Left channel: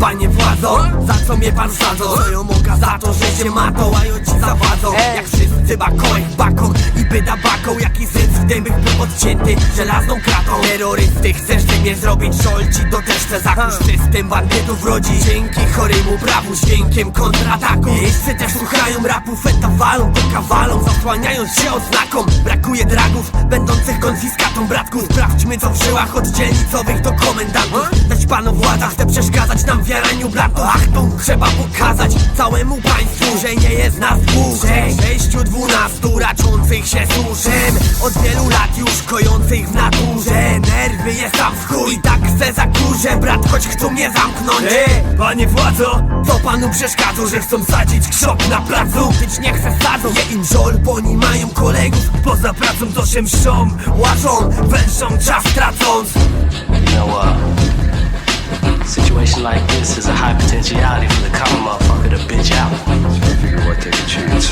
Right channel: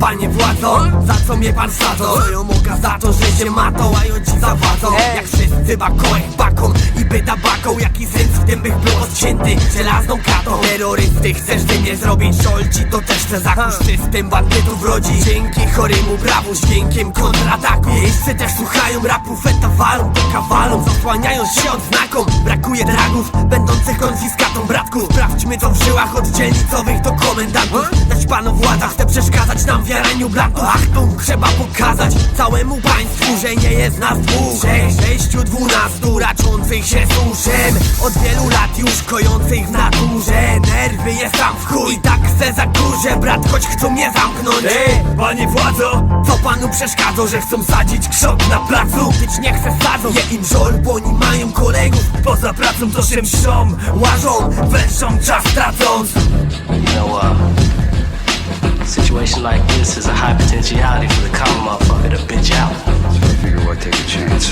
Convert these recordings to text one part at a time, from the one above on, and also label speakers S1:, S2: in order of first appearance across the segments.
S1: Panie władzo, za co mnie pan wsadzą? Co ją moga za to, że się ma to, a ci zawa Wszyscy bakołek baką i byda baką Jaki sens w tym bych był odcięty żelazną kratą. Terrorysty, chcesz ty mnie zrobić żolci To też chcę zakuć system bandytów rodzi. Dzięki choremu prawu, dźwiękiem kontrataku. Jeźdźcy też słuchają rapu, feta walą To kawalą, zasłaniając się odznaką. Brakuje dragów, będących konfiskatą bratków. Sprawdźmy co w żyłach od dzielnicowych do komendantów. Dać panu władza, chce przeszkadzać nam w jaraniu blantów Achtung, trzeba pokazać całemu państwu, że nie jest nas dwóch. Trzech, sześciu, dwunastu raczących się suszem. Od wielu lat już kojących w naturze. Nerwy jest tam w chuj, I tak se zakurzę Brat, choć chcą mnie zamknąć.
S2: Ej, panie władzo,
S1: Co panu przeszkadzą, że chcą sadzić krzok na placu? Tyć nie chce sadzą, je im żol, bo oni mają kolegów.
S2: Poza pracą to się mszą
S1: Łażą,
S2: Węszą czas tracąc.
S3: Uh, situation like this is a high potentiality for the common motherfucker to bitch out.
S4: So I figure why take a chance?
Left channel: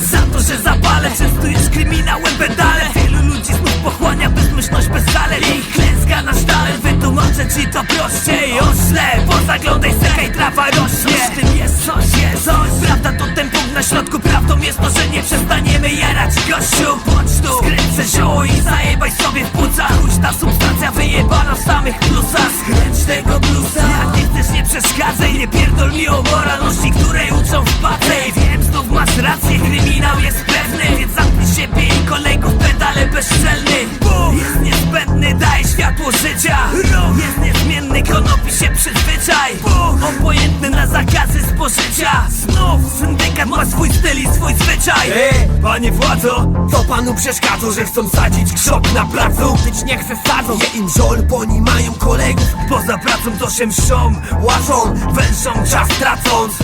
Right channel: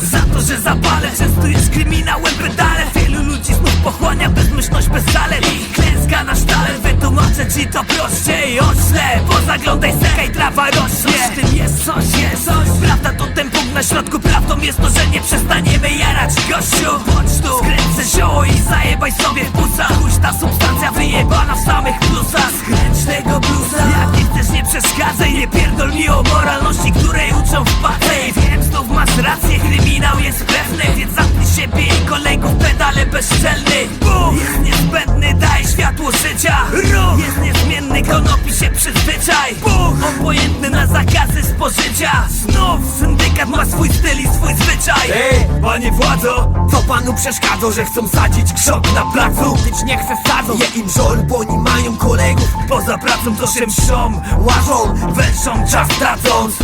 S2: Za to, że zapale często jest kryminałem pedale. Wielu ludzi znów pochłania bezmyślność bez zalet Ich klęska na sztaler wytłumaczę ci to prościej. Ośle, pozaglądaj sekaj trawa rośnie. Coś w tym jest, coś jest. Prawda to ten punkt na środku jest to, że nie przestaniemy jarać. Gościu pocztu Skręcę zioło i zajebaj sobie w płucach. Ta substancja wyjebana w samych plusach. Skręć tego bluesa Jak nie chcesz nie przeszkadzaj Nie pierdol mi o moralności, której uczą w patej Wiem, znów masz rację, kryminał jest pewny Więc zamknij siebie i kolegów pedale bezczelny. Jest niezbędny, daje światło życia. Jest niezmienny, konopi się przyzwyczaj. Obojętny na zakazy spożycia Znów syndykat ma swój styl i swój zwyczaj.
S1: Ej,
S2: Panie władzo,
S1: Co panu przeszkadzą, że chcą sadzić krzok na placu? Tyć nie chce sadzą, je im żol, bo oni mają kolegów.
S2: Poza pracą to się mszą
S1: Łażą,
S2: Węszą czas tracąc